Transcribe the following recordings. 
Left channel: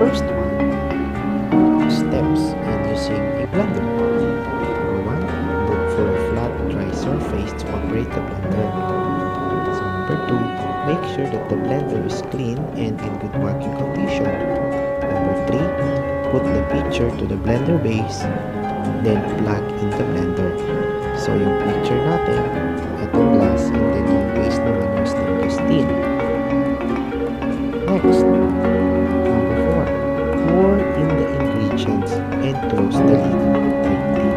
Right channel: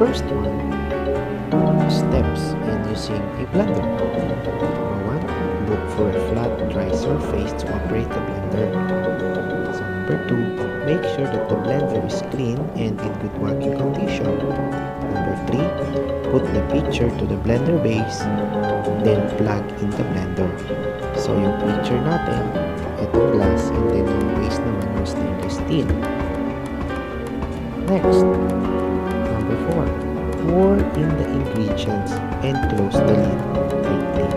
first one, steps in using a blender. Number 1, look for a flat, dry surface to operate the blender. So number 2, make sure that the blender is clean and in good working condition. Number 3, put the pitcher to the blender base, then plug in the blender. So yung pitcher natin, itong glass, and then yung base naman yung stainless steel. Next, number 4, pour in the ingredients and close the lid tightly.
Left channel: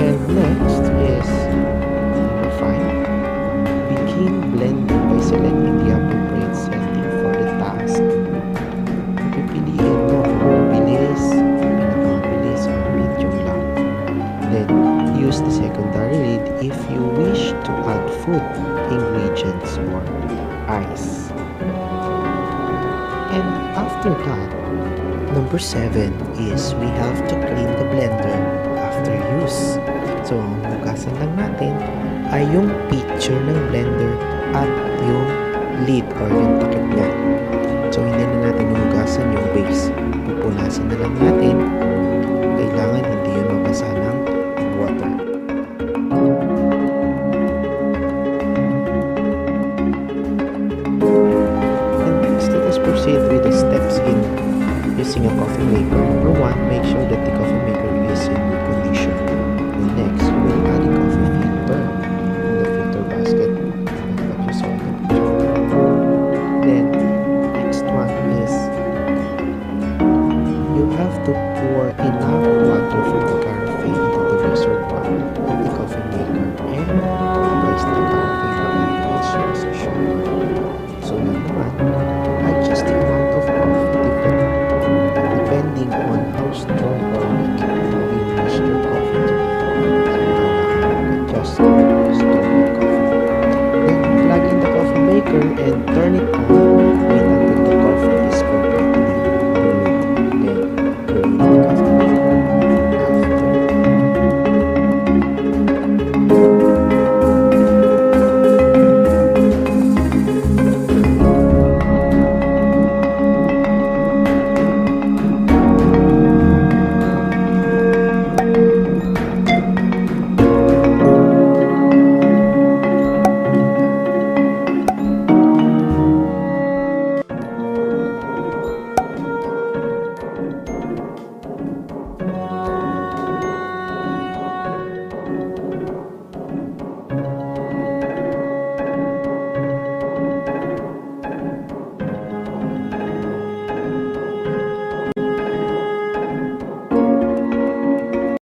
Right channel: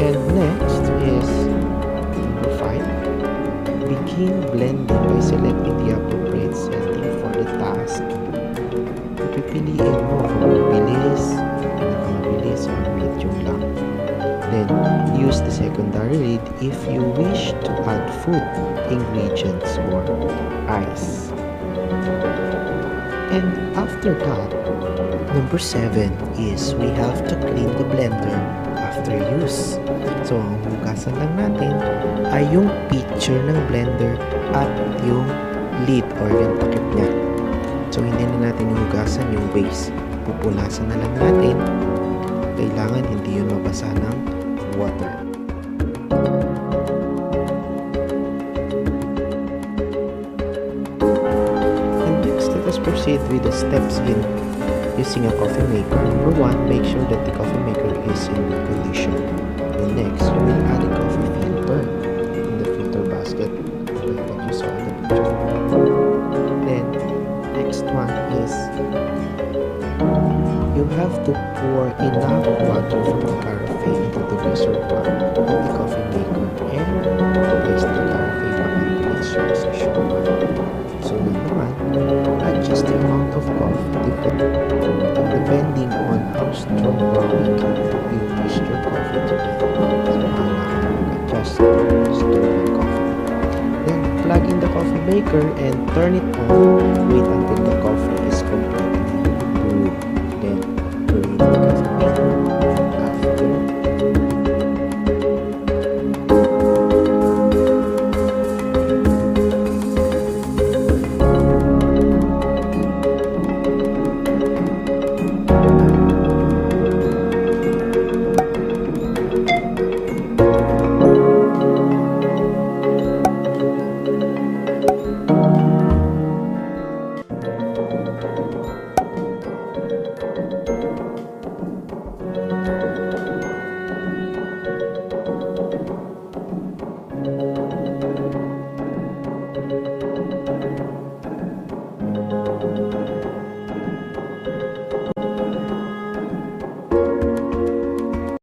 And next is number 5, begin blending by selecting the appropriate setting for the task. Pipiliin mo kung mabilis, pinakamabilis, or medium lang. Then, use the secondary lid if you wish to add food, ingredients, or ice. And after that, number 7 is we have to clean the blender after use. So, ang hugasan lang natin ay yung pitcher ng blender at yung lid or yung takip niya. So, hindi na natin hugasan yung base. Pupunasan na lang natin. Kailangan hindi yun mabasa ng water. And next, let us proceed with the steps in using a coffee maker. Number 1, make sure that the coffee maker is in good condition. Then next, you will add a coffee filter in the filter basket like what you saw in the picture. Then, next one is you have to pour enough water from the carafe into the reservoir of the coffee maker and place the carafe back into its position. So lang naman, adjust the amount of coffee depending on how strong or weak you wish your coffee to be. So bahala ka mag-adjust strong coffee. Then plug in the coffee maker and turn it on